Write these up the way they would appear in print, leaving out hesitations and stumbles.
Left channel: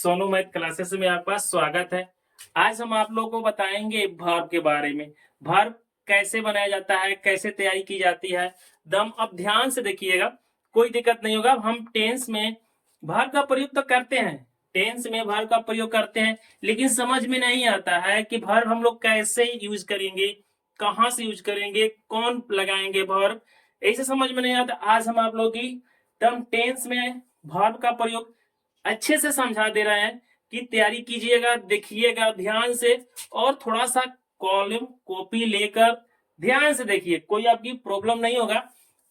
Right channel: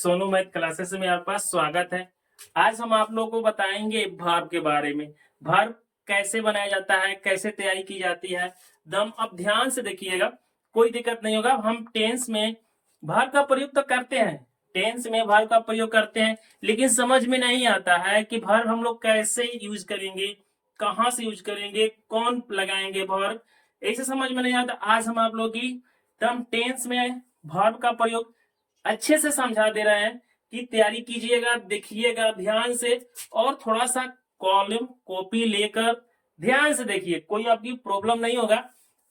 Sonu math classes में आपका स्वागत है। आज हम आप लोगों को बताएंगे वर्ब के बारे में। वर्ब कैसे बनाया जाता है, कैसे तैयारी की जाती है। दम अब ध्यान से देखिएगा, कोई दिक्कत नहीं होगा। हम टेंस में वर्ब का प्रयोग तो करते हैं, टेंस में वर्ब का प्रयोग करते हैं, लेकिन समझ में नहीं आता है कि वर्ब हम लोग कैसे यूज करेंगे, कहाँ से यूज करेंगे, कौन लगाएंगे वर्ब, ऐसे समझ में नहीं आता। आज हम आप लोग की दम टेंस में वर्ब का प्रयोग अच्छे से समझा दे रहे हैं कि तैयारी कीजिएगा, देखिएगा ध्यान से, और थोड़ा सा कॉलम कॉपी लेकर ध्यान से देखिए, कोई आपकी प्रॉब्लम नहीं होगा।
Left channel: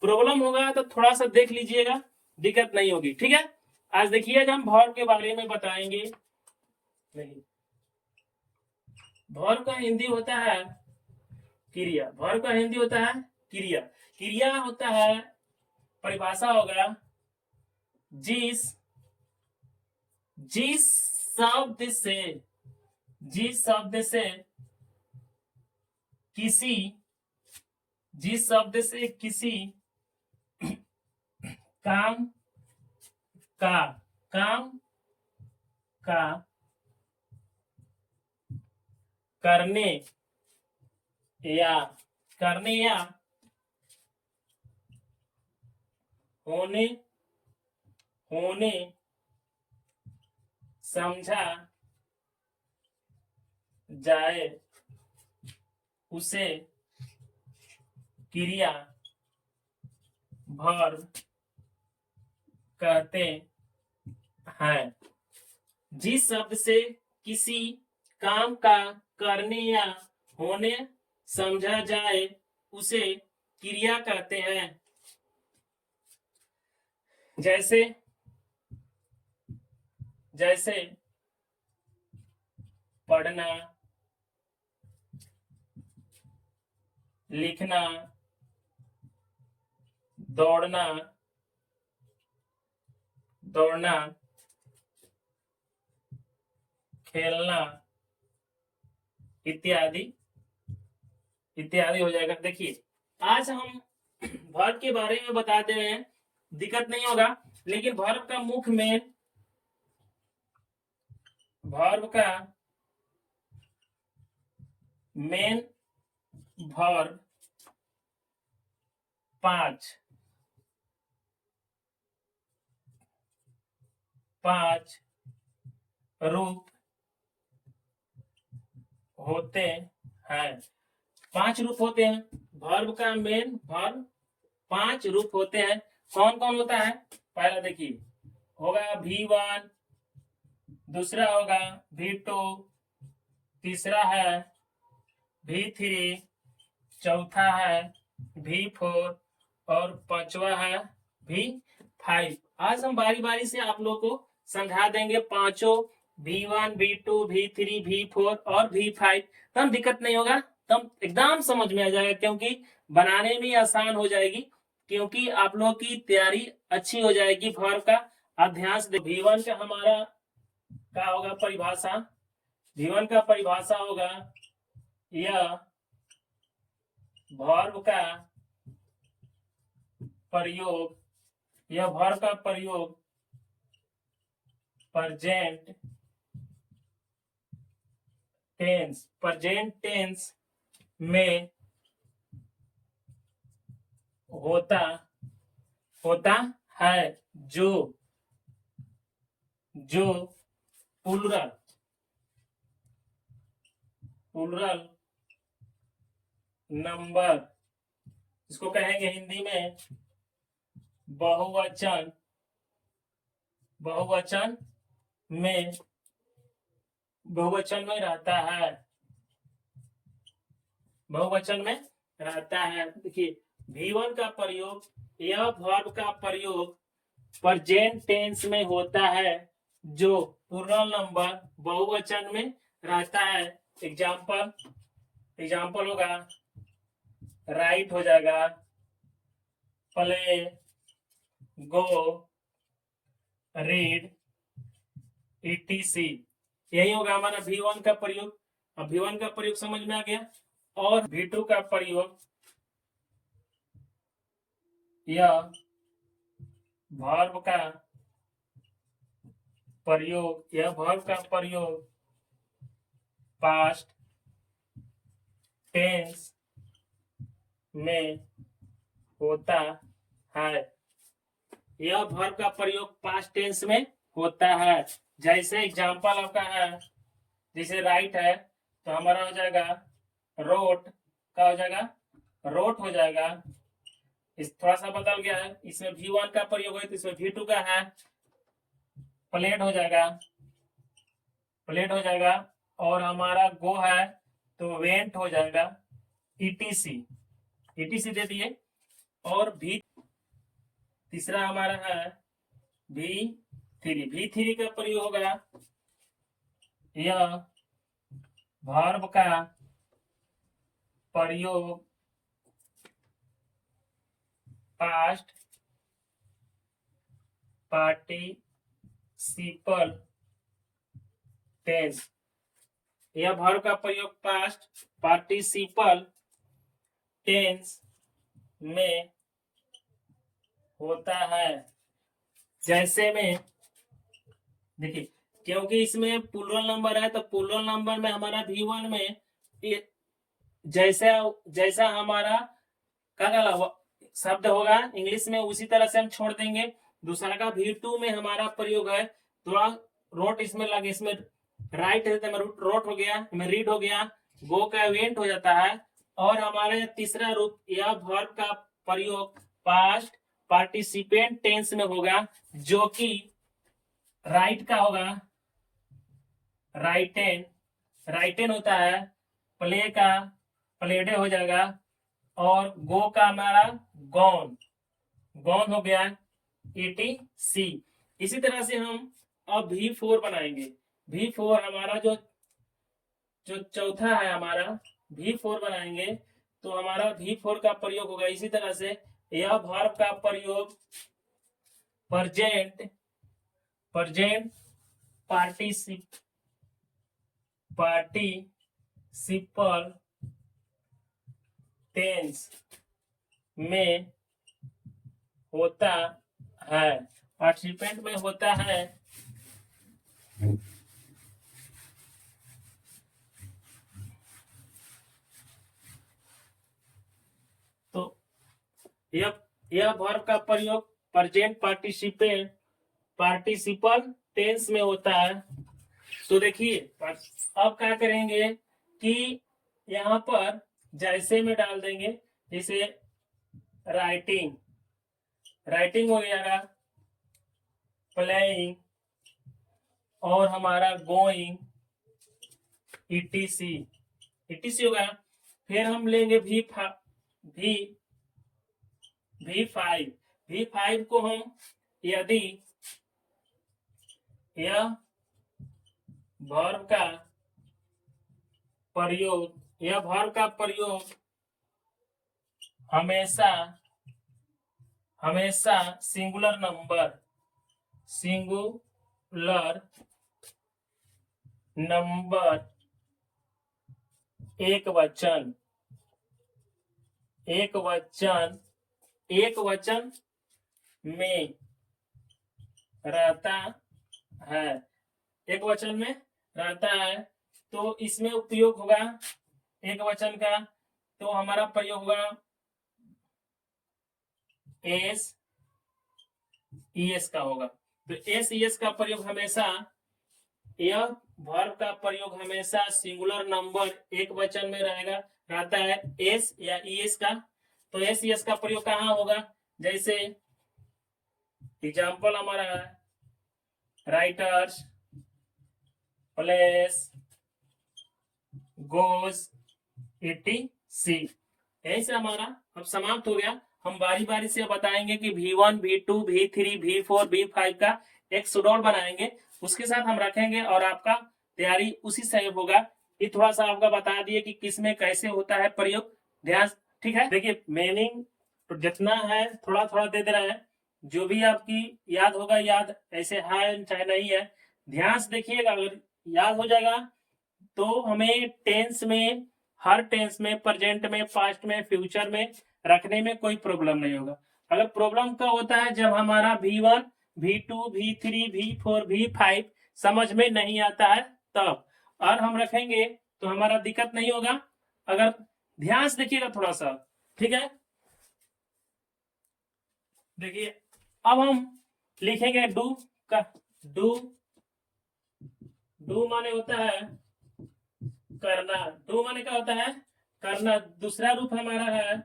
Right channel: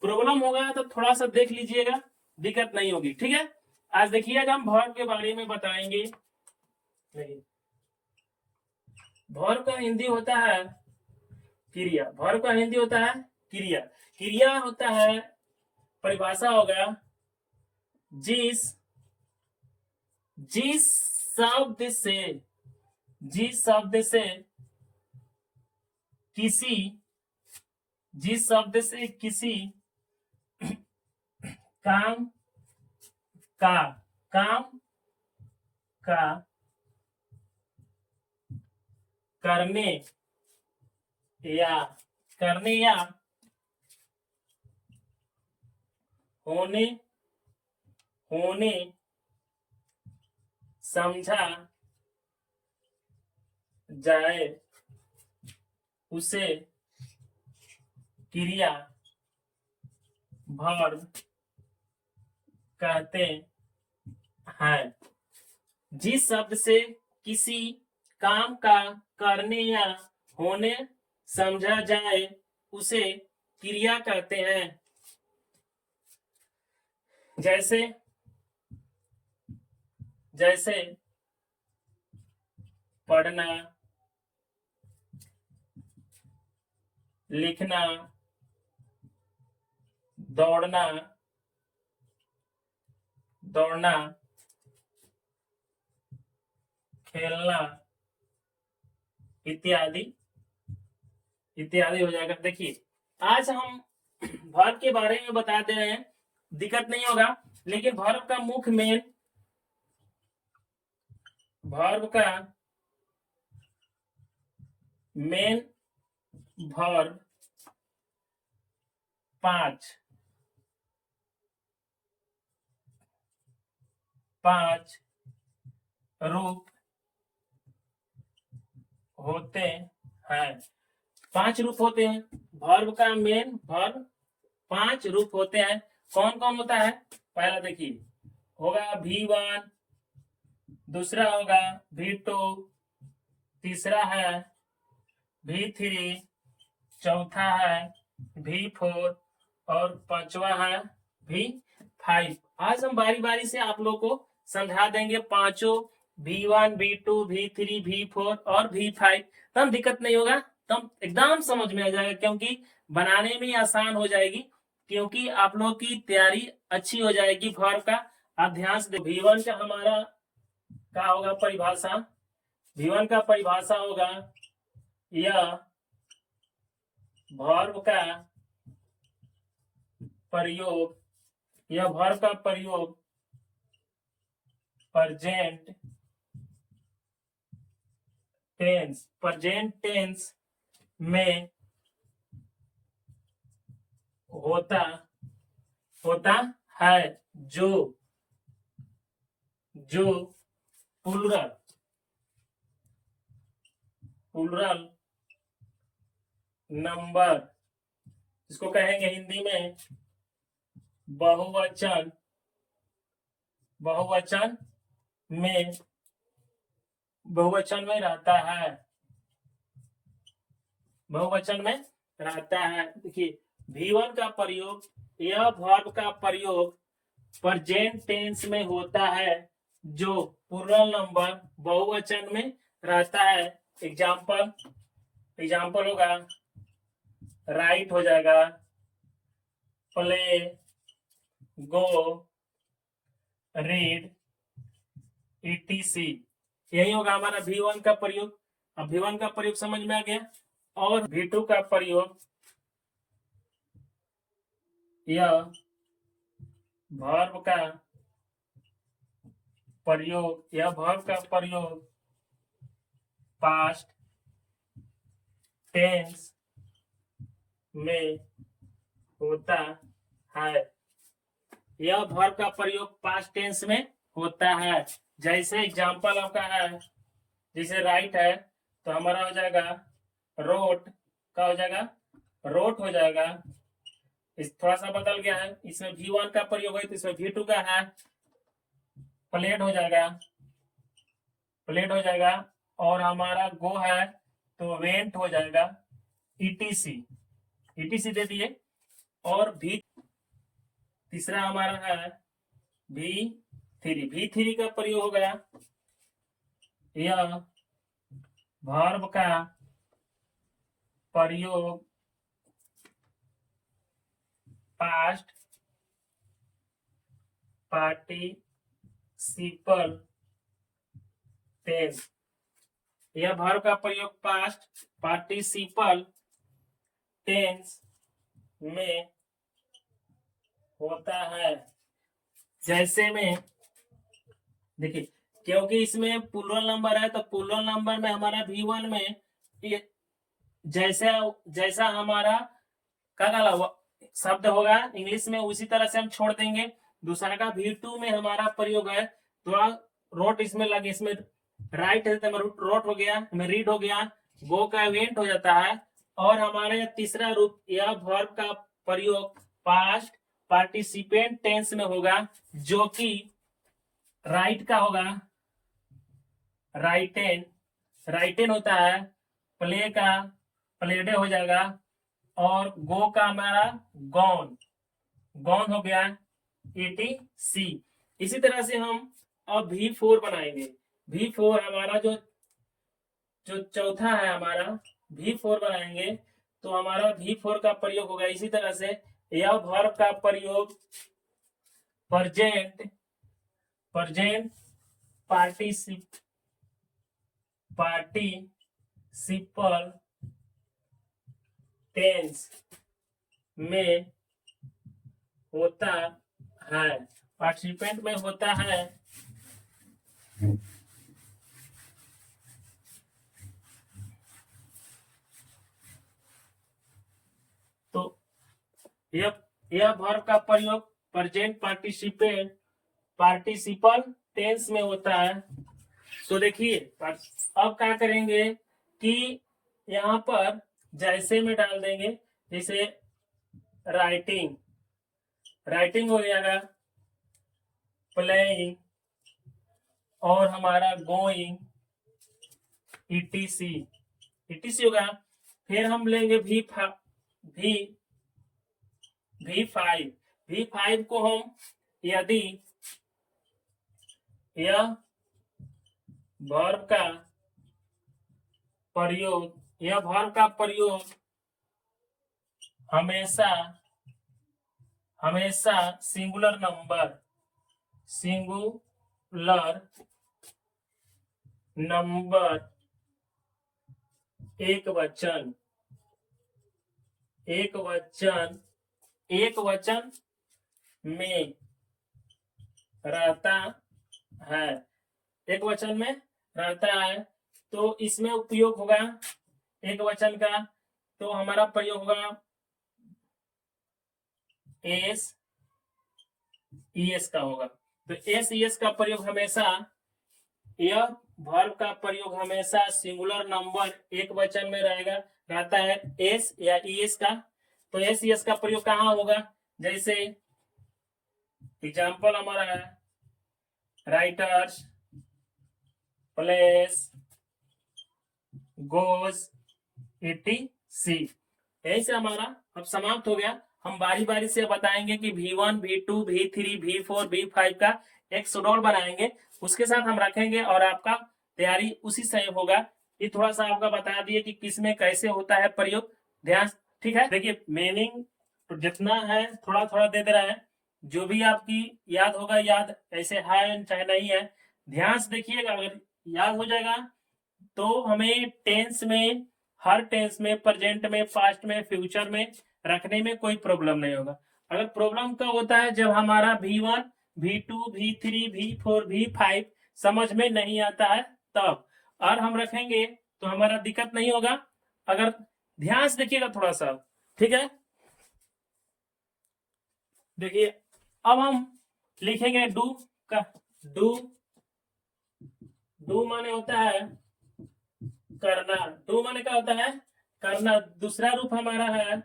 प्रॉब्लम होगा तो थोड़ा सा देख लीजिएगा, दिक्कत नहीं होगी, ठीक है। आज देखिएगा हम वर्ब के बारे में बताएंगे। नहीं, वर्ब का हिंदी होता है क्रिया। वर्ब का हिंदी होता है क्रिया। क्रिया होता है, परिभाषा होगा, जिस जिस शब्द से जिस शब्द से किसी जिस शब्द से किसी काम का काम का करने या करने या होने होने समझा जाए उसे क्रिया वर्ब कहते हैं। जिस शब्द से किसी काम का करने या होने समझा जाए उसे क्रिया कहते हैं। जैसे जैसे पढ़ना, लिखना, दौड़ना दौड़ना खेलना इत्यादि इत्यादि हो जाएगा। देखिए, आज हम वर्ब के बारे में बता दे रहे हैं, दिक्कत नहीं होगा। लेकिन वर्ब का मुख्य मेन वर्ब का मेन वर्ब पांच रूप होते हैं। पांच रूप होते हैं वर्ब का मेन वर्ब, पांच रूप होते हैं। कौन कौन होता है? पहला देखिए, होगा V1, दूसरा होगा V2, तीसरा है V3, चौथा है V4 और पांचवा है V5। आज हम बारी बारी से आप लोग को समझा देंगे पांचों, V1, V2, V3, V4 और V5। तब दिक्कत नहीं होगा, तब एकदम समझ में आ जाएगा, क्योंकि बनाने में आसान हो जाएगी, क्योंकि आप लोग की तैयारी अच्छी हो जाएगी वर्ब का। आप ध्यान से V1 का हमारा क्या होगा परिभाषा। V1 का परिभाषा होगा, यह वर्ब का प्रयोग, यह वर्ब का प्रयोग प्रेजेंट टेंस में होता है, जो प्लूरल नंबर, इसको कहेंगे हिंदी में बहुवचन में रहता है, बहुवचन में रहता है। देखिए, V1 का प्रयोग, यह वर्ब का प्रयोग प्रेजेंट टेंस में होता है, जो प्लूरल नंबर बहुवचन में रहता है। एग्जाम्पल होगा, राइट हो जाएगा, प्ले, गो, रीड, etc। यही होगा हमारा V1 का प्रयोग। अब V1 का प्रयोग समझ में आ गया। और V2 का प्रयोग, यह वर्ब का प्रयोग या वर्ब का प्रयोग पास्ट टेंस में होता है। यह वर्ब का प्रयोग पास्ट टेंस में होता है। जैसे एग्जांपल आपका है, जैसे राइट है तो हमारा हो जाएगा रोट का हो जाएगा रोट हो जाएगा। इस थोड़ा सा बदल गया है, इसमें V1 का प्रयोग है तो इसमें V2 का है। प्लेट हो जाएगा प्लेट हो जाएगा। और हमारा गो है तो वेंट हो जाएगा। ETC ETC दे दिए। और भी तीसरा हमारा है V3 का प्रयोग हो गया। यह वर्ब का प्रयोग पास्ट पार्टिसिपल टेंस। यह वर्ब का प्रयोग पास्ट पार्टिसिपल टेंस में होता है। जैसे में देखिए, क्योंकि इसमें प्लूरल नंबर है तो प्लूरल नंबर में हमारा V1 में जैसा जैसा हमारा का शब्द होगा इंग्लिश में उसी तरह से हम छोड़ देंगे। दूसरा का V2 में हमारा प्रयोग है थोड़ा रोट इसमें लगे, इसमें राइट है तो रोट हो गया, रीड हो गया, गो का वेंट हो जाता है। और हमारे तीसरा रूप यह वर्ब का प्रयोग पास्ट पार्टिसिपेंट टेंस में होगा, जो कि राइट का होगा राइटेन होता है। प्ले का प्लेडे हो जाएगा। और गो का हमारा गॉन हो गया। ETC। इसी तरह से हम अब V4 बनाएंगे। V4 हमारा जो चौथा है हमारा V4 बनाएंगे तो हमारा V4 का प्रयोग होगा इसी तरह से। यह वर्ब का प्रयोग प्रेजेंट पार्टिसिपल टेंस में होता है। पार्टिसिपेंट में होता है। तो यह वर्ब का प्रयोग प्रेजेंट पार्टिसिपल टेंस में होता है। तो देखिए अब क्या करेंगे कि यहाँ पर जैसे में डाल देंगे, जैसे राइटिंग हो जाएगा, प्लेइंग और हमारा गोइंग ETC होगा। फिर हम लेंगे V5 को हम यदि यह वर्ब का प्रयोग हमेशा सिंगुलर नंबर एक वचन में रहता है। तो इसमें उपयोग होगा एक वचन का, तो हमारा प्रयोग होगा SES का होगा। तो SES का प्रयोग हमेशा, यह वर्ब का प्रयोग हमेशा सिंगुलर नंबर एक वचन में रहता है S या ES का। तो SES का प्रयोग कहाँ होगा? जैसे एग्जाम्पल हमारा है राइटर्स, प्लेस, गोज, ETC। ऐसे हमारा अब समाप्त हो गया। हम बारी बारी से बताएंगे कि V1, V2, V3, V4, V5 का एक शेड्यूल बनाएंगे, उसके साथ हम रखेंगे और आपका तैयारी उसी से होगा। ये थोड़ा सा आपका बता दिए कि किसमें कैसे होता है प्रयोग, ध्यान। ठीक है, देखिए मीनिंग तो जितना है थोड़ा थोड़ा दे दे रहा है, जो भी आपकी याद होगा याद, ऐसे है चाहे नहीं है, ध्यान से देखिएगा। अगर याद हो जाएगा तो हमें टेंस में, हर टेंस में, प्रेजेंट में, पास्ट में, फ्यूचर में रखने में कोई प्रॉब्लम नहीं होगा। अगर प्रॉब्लम कब होता है? जब हमारा V1, V2, V3, V4, V5 समझ में नहीं आता है तब। और हम रखेंगे तो हमारा दिक्कत नहीं होगा। अगर ध्यान से देखिएगा थोड़ा सा, ठीक है। देखिए अब हम लिखेंगे डू का। डू, डू माने होता है करना। डू माने क्या होता है? करना। दूसरा रूप हमारा है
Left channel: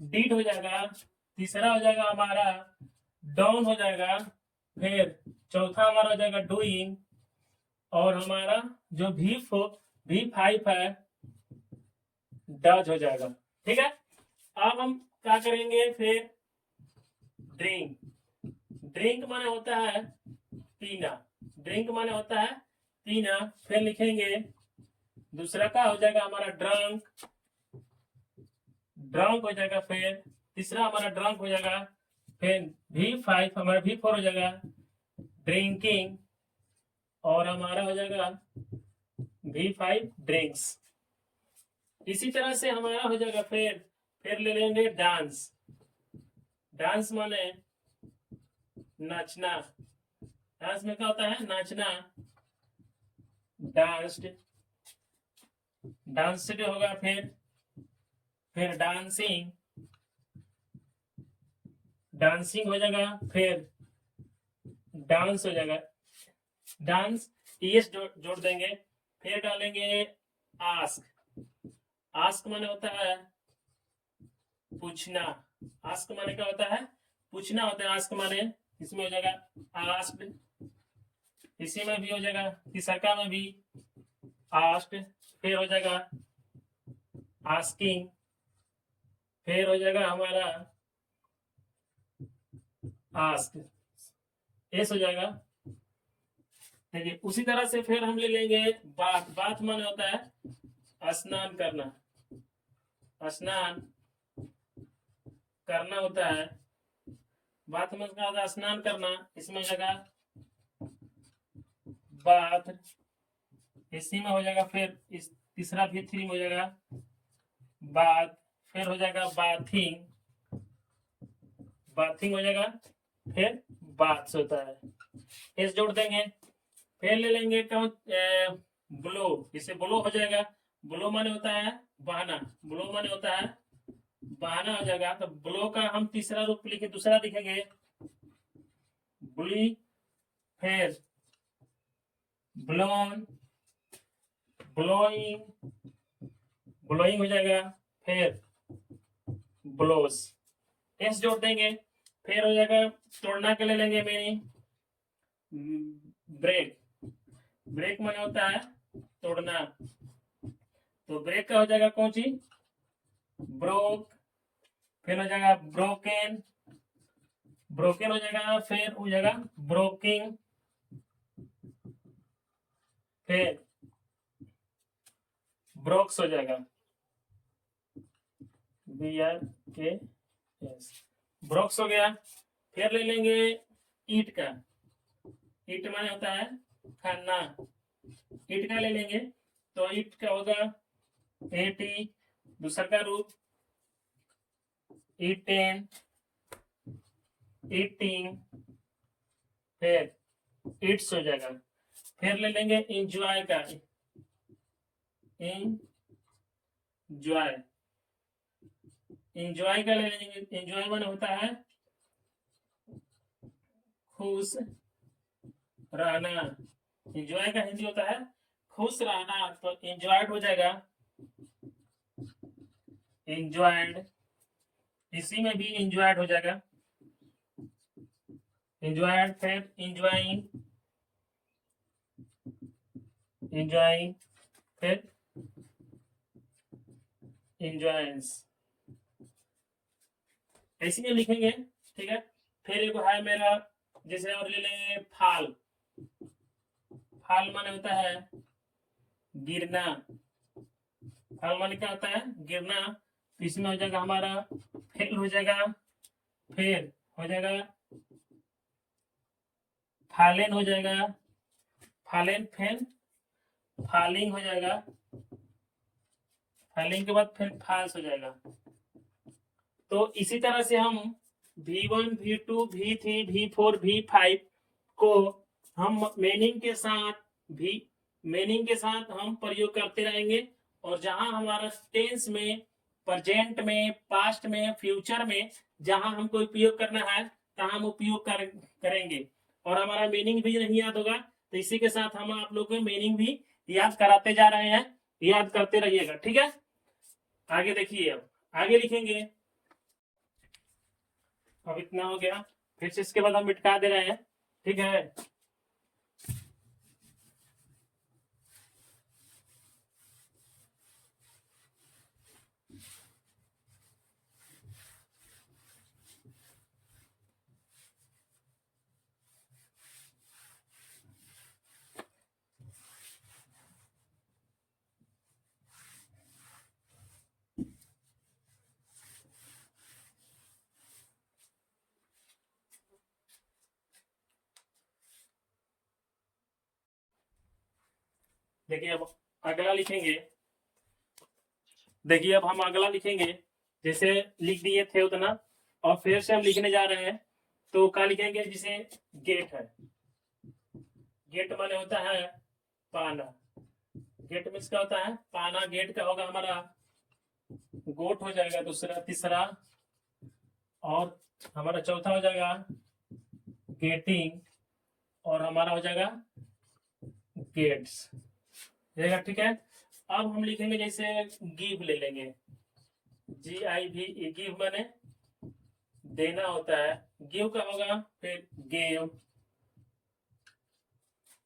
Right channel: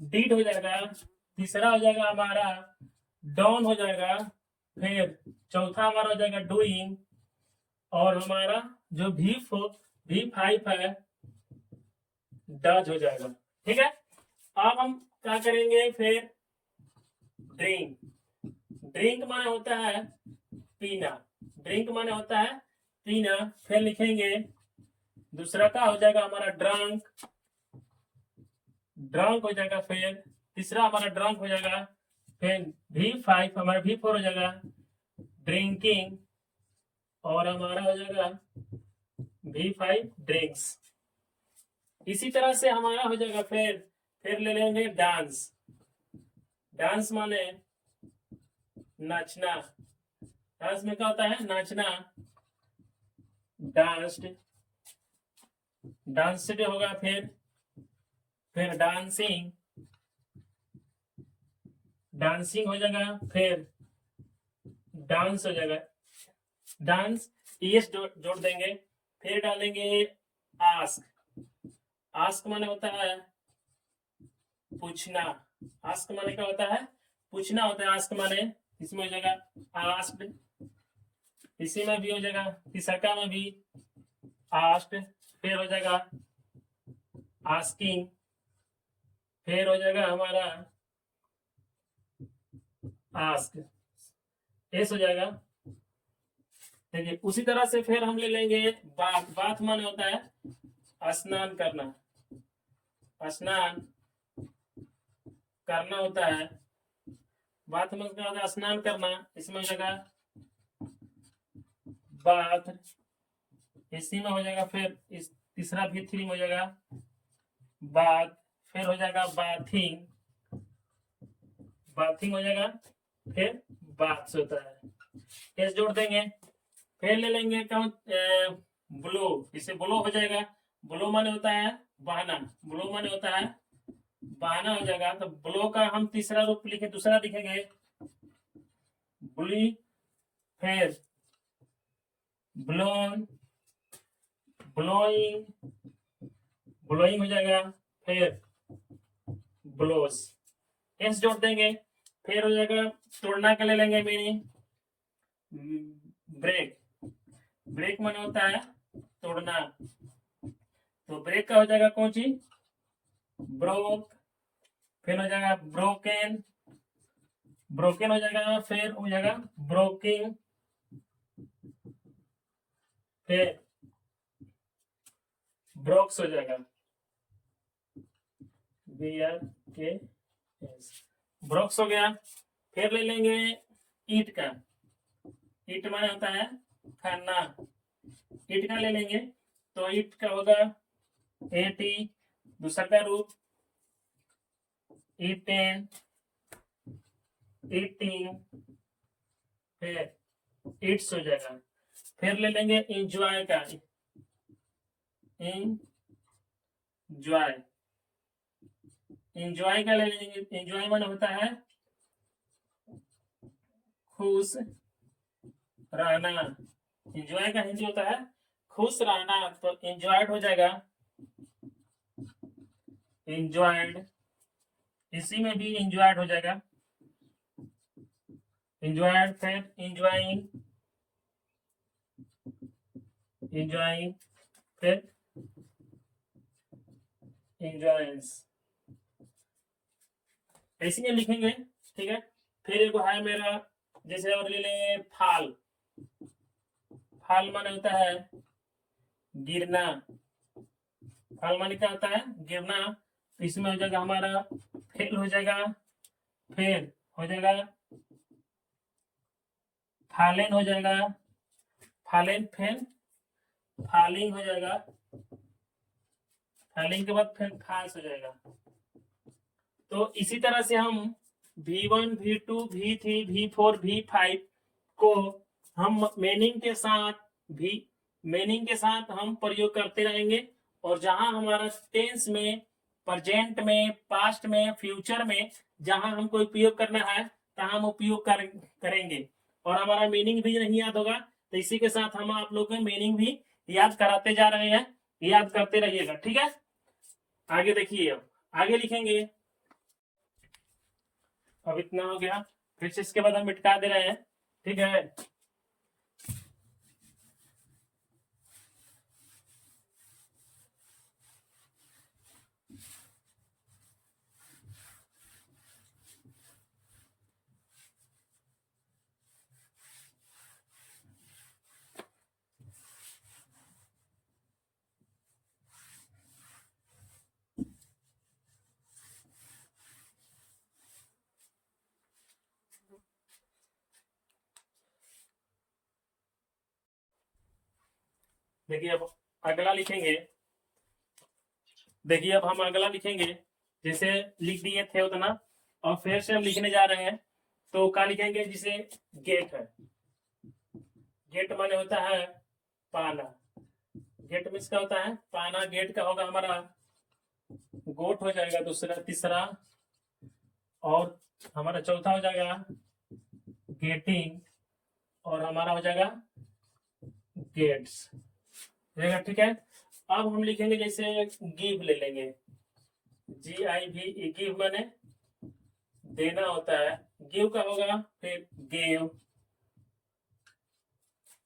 डिड हो जाएगा। तीसरा हो जाएगा हमारा डॉन हो जाएगा। फिर चौथा हमारा हो जाएगा डूइंग। और हमारा जो V5 है डज हो जाएगा, ठीक है। अब हम क्या करेंगे फिर? ड्रिंक। ड्रिंक माने होता है पीना। ड्रिंक माने होता है पीना। फिर लिखेंगे दूसरा का हो जाएगा हमारा ड्रंक। ड्रंक हो जाएगा। फिर तीसरा हमारा ड्रंक हो जाएगा। फिर V5 हमारा V4 हो जाएगा ड्रिंकिंग। और हमारा हो जाएगा V5 ड्रिंक्स। इसी तरह से हमारा हो जाएगा। फिर ले लेंगे डांस। डांस माने नाचना। डांस में क्या होता है? नाचना। डांस्ड, डांस्ड होगा। फिर डांसिंग, डांसिंग हो जाएगा। फिर डांस हो जाएगा। डांस ईएस जोड़ देंगे। फिर डालेंगे आस्क। आस्क माने होता है पूछना। आस्क माने क्या होता है? पूछना होता है आस्क माने। इसमें हो जाएगा आस्क्ड। इसी में भी हो जाएगा, तीसरा में भी आस्क्ड। फिर हो जाएगा आस्किंग। फिर हो जाएगा हमारा आस्क, एस हो जाएगा। देखिए उसी तरह से फिर हम ले लेंगे बाथ। बाथ माने होता है स्नान करना। स्नान करना होता है। बाथ में क्या होता है? स्नान करना। इसमें हो जाएगा बाथ। इसी में हो जाएगा। फिर इस तीसरा V3 हो जाएगा बाथ। फिर हो जाएगा बाथिंग। बाथिंग हो जाएगा। फिर बाथ्स होता है, एस जोड़ देंगे। फिर ले लेंगे ब्लो। इसे ब्लो हो जाएगा। ब्लो माने होता है बहाना। ब्लो माने होता है बहाना हो जाएगा। तो ब्लो का हम तीसरा रूप लिखे, दूसरा लिखेंगे ब्ली। फिर ब्लोन, ब्लोइंग, ब्लोइंग हो जाएगा। फिर ब्लोस, एस जोड़ देंगे। फिर हो जाएगा तोड़ना के ले लेंगे मीनिंग ब्रेक। ब्रेक माने होता है तोड़ना। तो ब्रेक का हो जाएगा कौन सी? ब्रोक। फिर हो जाएगा ब्रोकन। ब्रोकन हो जाएगा। फिर हो जाएगा ब्रोकिंग। फिर ब्रोक्स हो जाएगा BRKS। ब्रोक्स हो गया। फिर ले लेंगे ईट का। ईट माने होता है खाना। ईट का ले लेंगे तो ईट का होगा AT। दूसरा का रूप ईटेन, ईटिंग। फिर इट्स हो जाएगा। फिर ले लेंगे इंजॉय का। इंजॉय, इंजॉय का ले लेंगे। इंजॉय माने होता है खुश रहना। इंजॉय का हिंदी होता है खुश रहना। तो इंजॉयड हो जाएगा इंजॉयड। इसी में भी इंजॉयड हो जाएगा इंजॉयड। फिर इंजॉइंग, इंजॉइंग। फिर इंजॉयंस। ऐसे ही लिखेंगे, ठीक है। फिर एक है मेरा, जैसे और ले ले फाल। फाल माने होता है गिरना। फाल माने क्या होता है? गिरना। तो इसमें हो जाएगा हमारा फेल हो जाएगा। फिर हो जाएगा फालेन हो जाएगा। फालेन। फिर फालिंग हो जाएगा। फालिंग के बाद फिर फाल्स हो जाएगा। तो इसी तरह से हम V1, V2, V3, V4, V5 को हम मीनिंग के साथ भी मीनिंग के साथ हम प्रयोग करते रहेंगे, और जहां हमारा टेंस में, प्रेजेंट में, पास्ट में, फ्यूचर में जहां हमको उपयोग करना है तहां हम उपयोग करेंगे, और हमारा मीनिंग भी नहीं याद होगा तो इसी के साथ हम आप लोग को मीनिंग भी याद कराते जा रहे हैं, याद करते रहिएगा, ठीक है। आगे देखिए, अब आगे लिखेंगे। अब इतना हो गया, फिर से इसके बाद हम मिटका दे रहे हैं, ठीक है। देखिए अब अगला लिखेंगे। देखिए अब हम अगला लिखेंगे, जैसे लिख दिए थे उतना, और फिर से हम लिखने जा रहे हैं। तो क्या लिखेंगे, जिसे गेट है, गेट माने होता है पाना, गेट मीन्स क्या होता है पाना, गेट का होगा हमारा गोट हो जाएगा दूसरा, तीसरा, और हमारा चौथा हो जाएगा गेटिंग, और हमारा हो जाएगा गेट्स, ठीक है। अब हम लिखेंगे जैसे गिव ले लेंगे, GIV, गिव माने देना होता है, गिव का होगा फिर गेव,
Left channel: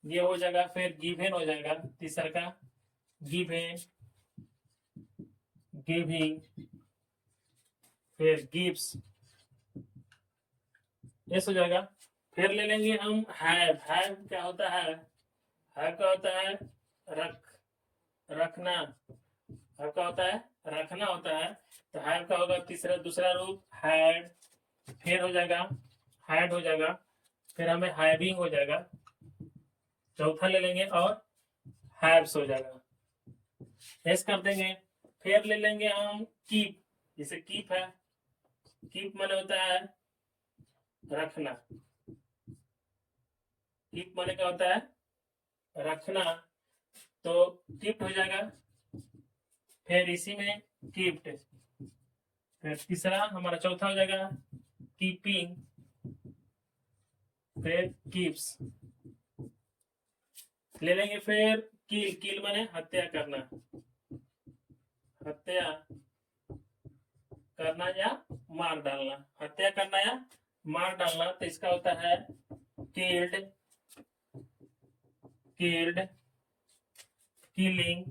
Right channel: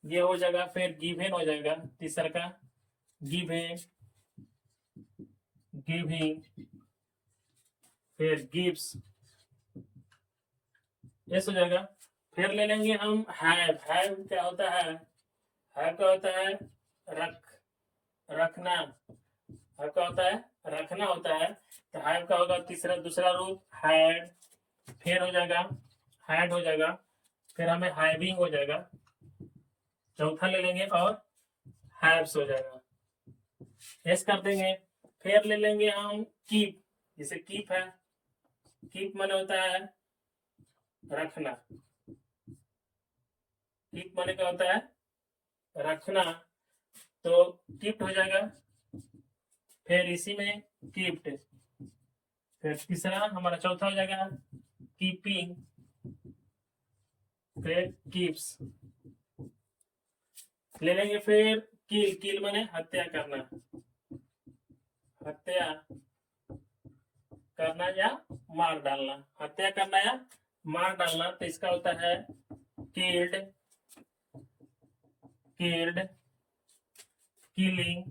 ये हो जाएगा, फिर गिवेन हो जाएगा तीसरा का, गिवेन, गिविंग, फिर गिव्स, यस हो जाएगा। फिर ले लेंगे हम हैव, हैव क्या होता है, हैव का होता है रखना, हैव का होता है रखना होता है, तो हैव का होगा तीसरा दूसरा रूप हैड, फिर हो जाएगा हैड हो जाएगा, फिर हमें हैविंग हो जाएगा, चौथा ले लेंगे और हैव्स हो जाएगा, यस कर देंगे। फिर ले लेंगे हम कीप, जैसे कीप है, कीप माने होता है रखना, कीप माने क्या होता है रखना, तो कीप्ट हो जाएगा, फिर इसी में कीप्ट, फिर तीसरा हमारा चौथा हो जाएगा कीपिंग, फिर कीप्स ले लेंगे। फिर किल, किल माने हत्या करना, हत्या करना या मार डालना, हत्या करना या मार डालना, तो इसका होता है किल्ड, किल्ड, किलिंग,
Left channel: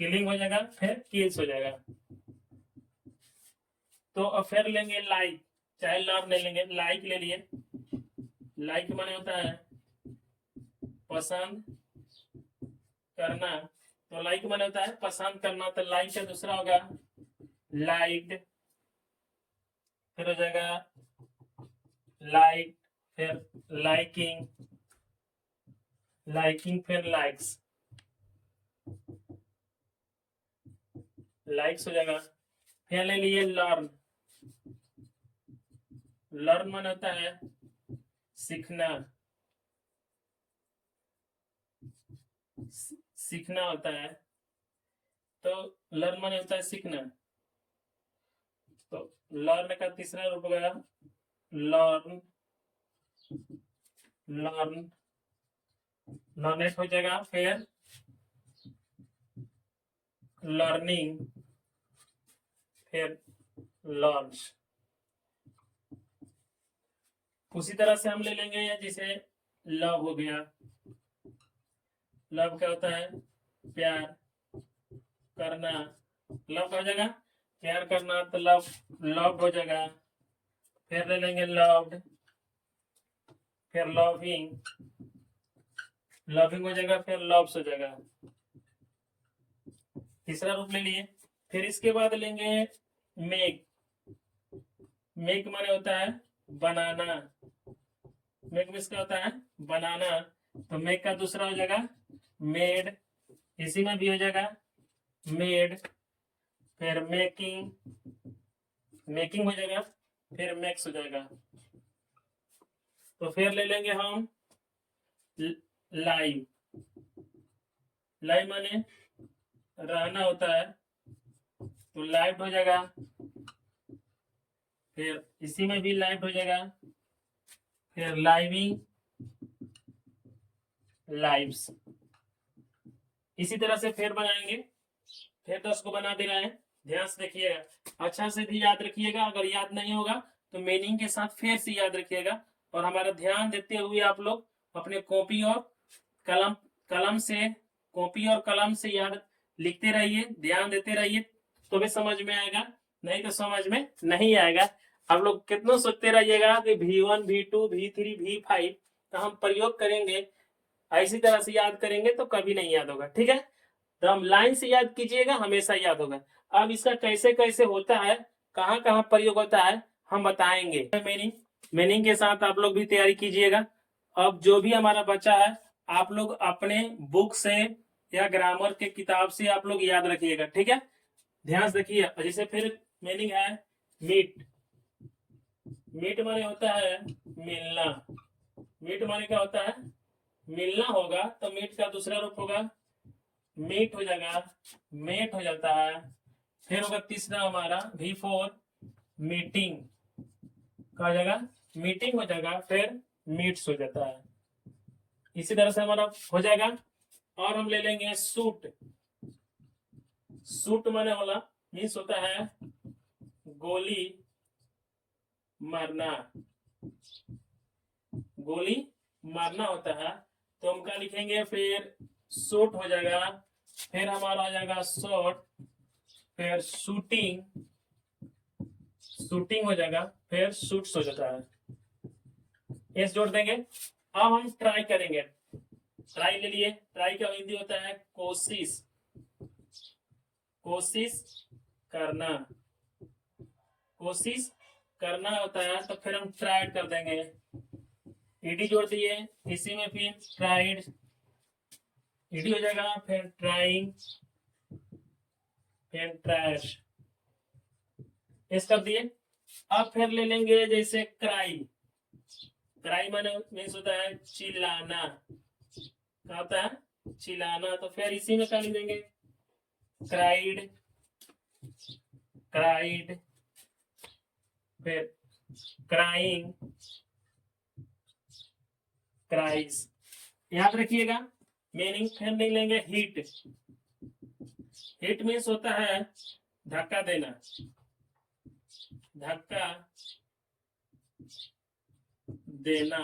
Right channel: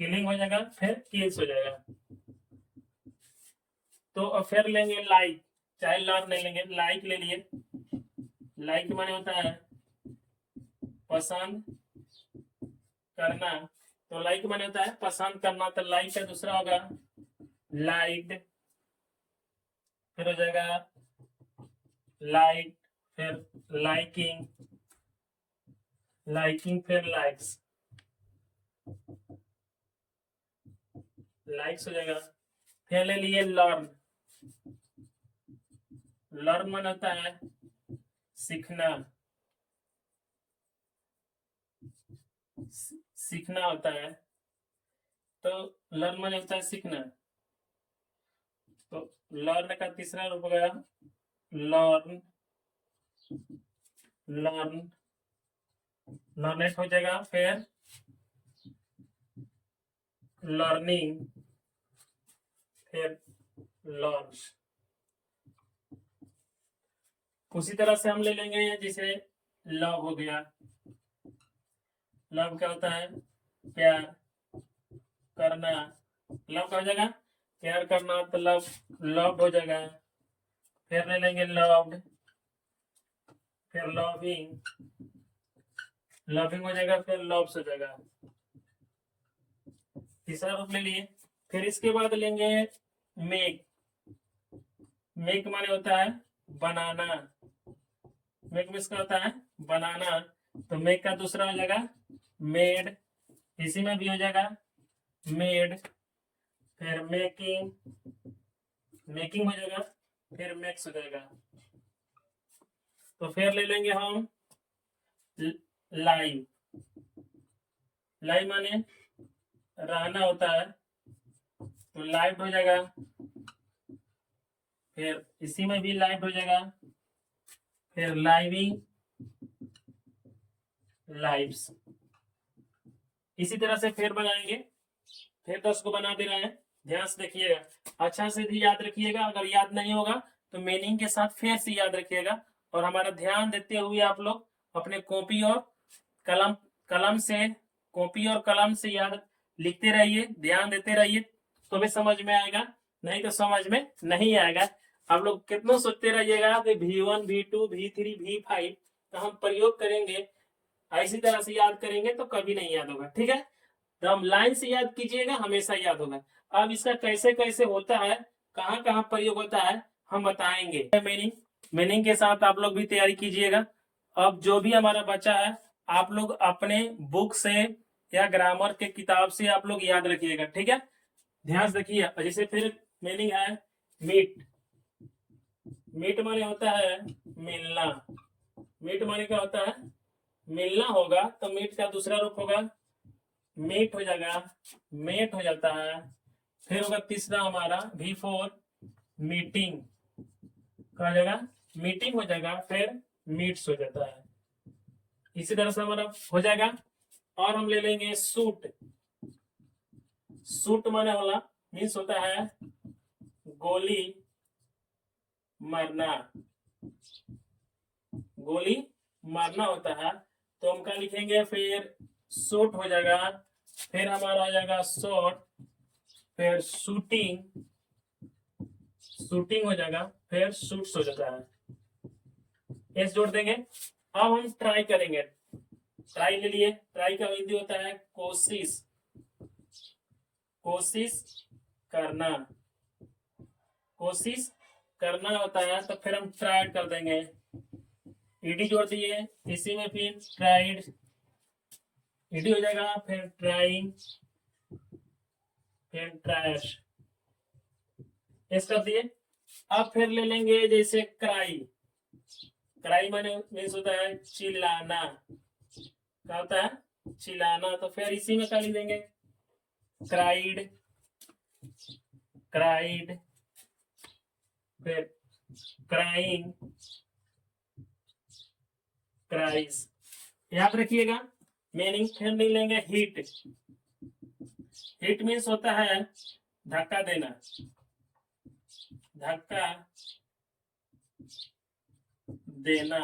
किलिंग हो जाएगा, फिर किल्स हो जाएगा। तो अब फिर लेंगे लाइक, चाहे लर्न ले लेंगे, लाइक ले लिए, लाइक माने होता है पसंद करना, तो लाइक माने होता है पसंद करना, तो लाइक का दूसरा होगा लाइक्ड, फिर हो जाएगा लाइक, फिर लाइकिंग, लाइकिंग, फिर लाइक्स, लाइक्स हो जाएगा। फिर ले लिए लर्न, लर्न माने होता है सीखना, सीखना होता है, तो लर्न माने होता है सीखना, तो लर्न का तीसरा रूप हो गया लर्न, लर्न, लर्नेट हो जाएगा, फिर लर्निंग, फिर लर्न। उसी तरह से हम ले लेंगे जैसे लव हो गया, लव क्या होता है प्यार करना, लव हो जाएगा प्यार करना, तो लव, लव हो जाएगा। फिर ले लेंगे लव्ड, फिर लविंग, लविंग हो जाएगा, फिर लव्स हो जाएगा, तीसरा रूप ले लिए। फिर इसके बाद लेंगे मेक, मेक माने होता है बनाना, मेक में इसका होता है बनाना, तो मेक का दूसरा हो जाएगा मेड, इसी में भी हो जाएगा मेड, फिर मेकिंग, मेकिंग हो जाएगा, फिर मेक्स हो जाएगा। तो फिर ले लेंगे हम लाइव, लाइव माने रहना होता है, तो लाइव हो जाएगा। फिर इसी में भी लाइव हो जाएगा, फिर लाइविंग, लाइव्स। इसी तरह से फिर बनाएंगे, फिर 10 को बना दे रहे हैं। ध्यान से देखिएगा, अच्छा से भी याद रखिएगा, अगर याद नहीं होगा तो मीनिंग के साथ फिर से याद रखिएगा। और हमारा ध्यान देते हुए आप लोग अपने कॉपी और कलम कलम से कॉपी और कलम से याद लिखते रहिए, ध्यान देते रहिए, तो भी समझ में आएगा, नहीं तो समझ में नहीं आएगा। आप लोग कितना सोचते रहिएगा कि V1 V2 V3 V5 तो हम प्रयोग करेंगे, इसी तरह से याद करेंगे तो कभी नहीं याद होगा, ठीक है। तो हम लाइन से याद कीजिएगा, हमेशा याद होगा। अब इसका कैसे कैसे होता है, कहाँ कहाँ प्रयोग होता है, हम बताएंगे। मीनिंग, मीनिंग के साथ आप लोग भी तैयारी कीजिएगा। अब जो भी हमारा बच्चा है, आप लोग अपने बुक से या ग्रामर के किताब से आप लोग याद रखिएगा, ठीक है। ध्यान से देखिए, जैसे फिर मीनिंग है मीट, मीट माने होता है मिलना, मीट माने क्या होता है, मिलना होगा, तो मीट का दूसरा रूप होगा मीट हो जाएगा, मेट हो जाता है। फिर होगा तीसरा हमारा V4 मीटिंग, कहा जाएगा मीटिंग हो जाएगा, फिर मीट्स हो जाता है। इसी तरह से हमारा हो जाएगा। और हम ले लेंगे सूट, सूट माने वाला मीन्स होता है गोली मारना, गोली मारना होता है, तो हम क्या लिखेंगे, फिर शूट हो जाएगा, फिर हमारा आ जाएगा शॉट, फिर शूटिंग, शूटिंग हो जाएगा, फिर शूट्स हो जाता है, एस जोड़ देंगे। अब हम ट्राई करेंगे, ट्राई ले लिए, ट्राई का हिंदी होता है कोशिश, कोशिश करना, कोशिश करना होता है, तो फिर हम ट्राई कर देंगे, ईडी जोड़ दिए, इसी में फिर ट्राइड, ईडी हो जाएगा, फिर ट्राइंग, फिर ट्रैश, इस कर दिए। अब फिर ले लेंगे जैसे क्राई, क्राई माने मीन्स होता है चिल्लाना, क्या होता है चिल्लाना, तो फिर इसी में क्या लिख देंगे, क्राइड, क्राइड, फिर क्राइंग, क्राइस, याद रखिएगा। मीनिंग फिर नहीं लेंगे हिट, हिट मीन्स होता है धक्का देना, धक्का देना,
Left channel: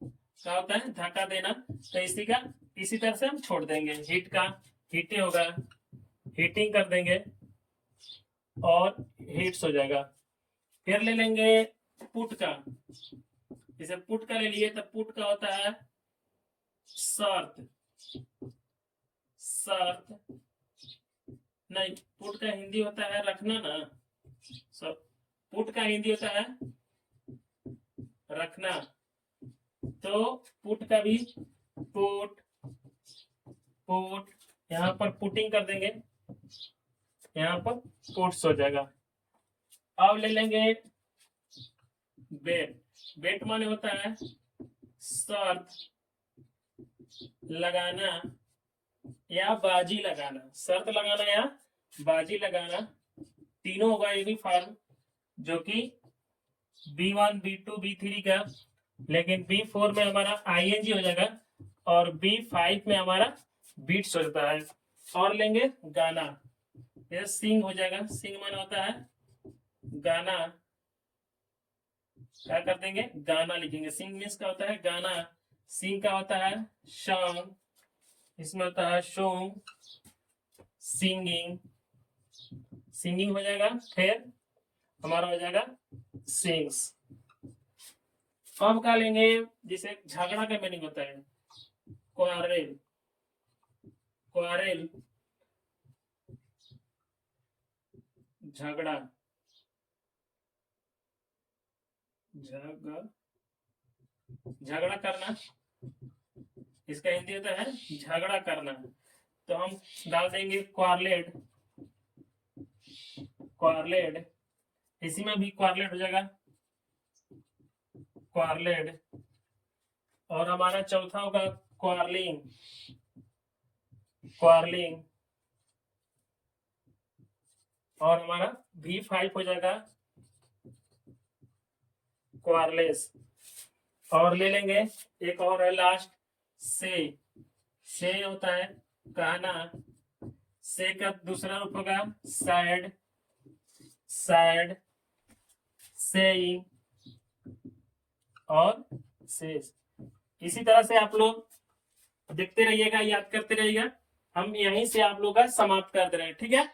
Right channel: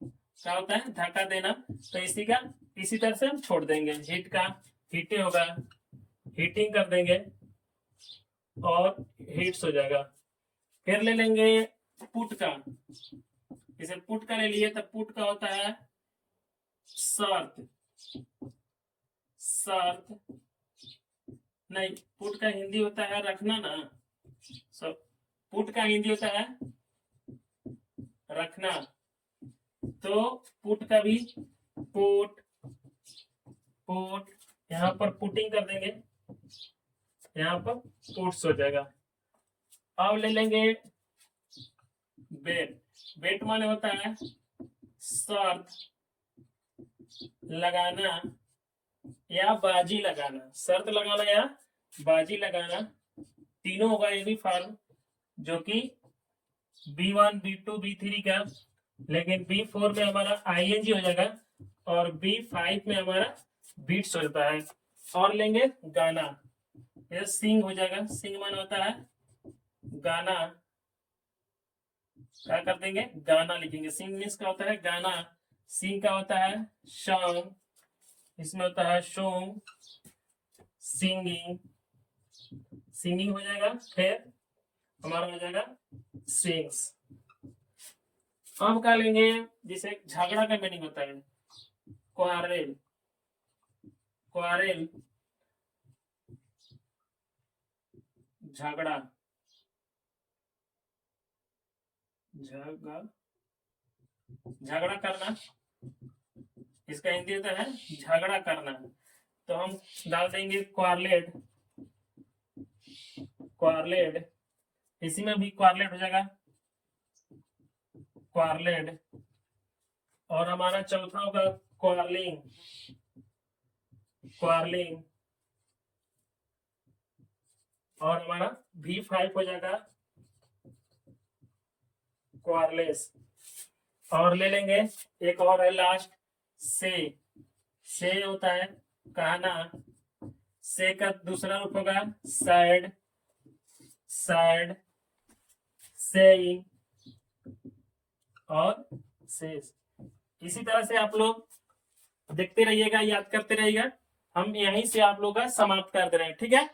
क्या होता है धक्का देना, तो इसी का इसी तरह से हम छोड़ देंगे, हिट का हिटे होगा, हिटिंग कर देंगे और हिट्स हो जाएगा। फिर ले लेंगे पुट का, जैसे पुट का ले लिए, तो पुट का होता है शर्त, शर्त नहीं, पुट का हिंदी होता है रखना ना, सब पुट का हिंदी होता है रखना, तो पुट का भी पुट, पुट, यहाँ पर पुटिंग कर देंगे, यहाँ पर पुट्स हो जाएगा। अब ले लेंगे बेट, बेट माने होता है शर्त लगाना या बाजी लगाना, शर्त लगाना या बाजी लगाना, तीनों होगा यूनिफॉर्म, जो कि B1 B2 B3 का, लेकिन B4 में हमारा ING हो जाएगा और B5 में हमारा बीट्स हो जाता है। और लेंगे गाना, ये सिंग हो जाएगा, सिंग माना होता है गाना, क्या कर देंगे गाना लिखेंगे, सिंग मीन्स का होता है गाना, सिंग का होता है सॉन्ग, इसमें होता है सॉन्ग, सिंगिंग, सिंगिंग हो जाएगा, फिर हमारा हो जाएगा सिंग्स। अब क्या लेंगे, जिसे झगड़ा का मीनिंग होता है क्वारेल, क्वारेल झगड़ा, झगड़ा करना, इसका हिंदी होता है झगड़ा करना, तो हम डाल देंगे क्वारलेट, क्वारलेट, इसी में भी क्वारलेट हो जाएगा, क्वारलेट। और हमारा चौथा होगा क्वारलिंग, क्वारलिंग। और हमारा V5 हो जाएगा क्वारलेस। और ले लेंगे एक और है लास्ट, से होता है कहना, से का दूसरा रूप होगा सैड, सैड, सेइंग और सेज। इसी तरह से आप लोग देखते रहिएगा, याद करते रहिएगा। हम यहीं से आप लोग का समाप्त कर दे रहे हैं, ठीक है।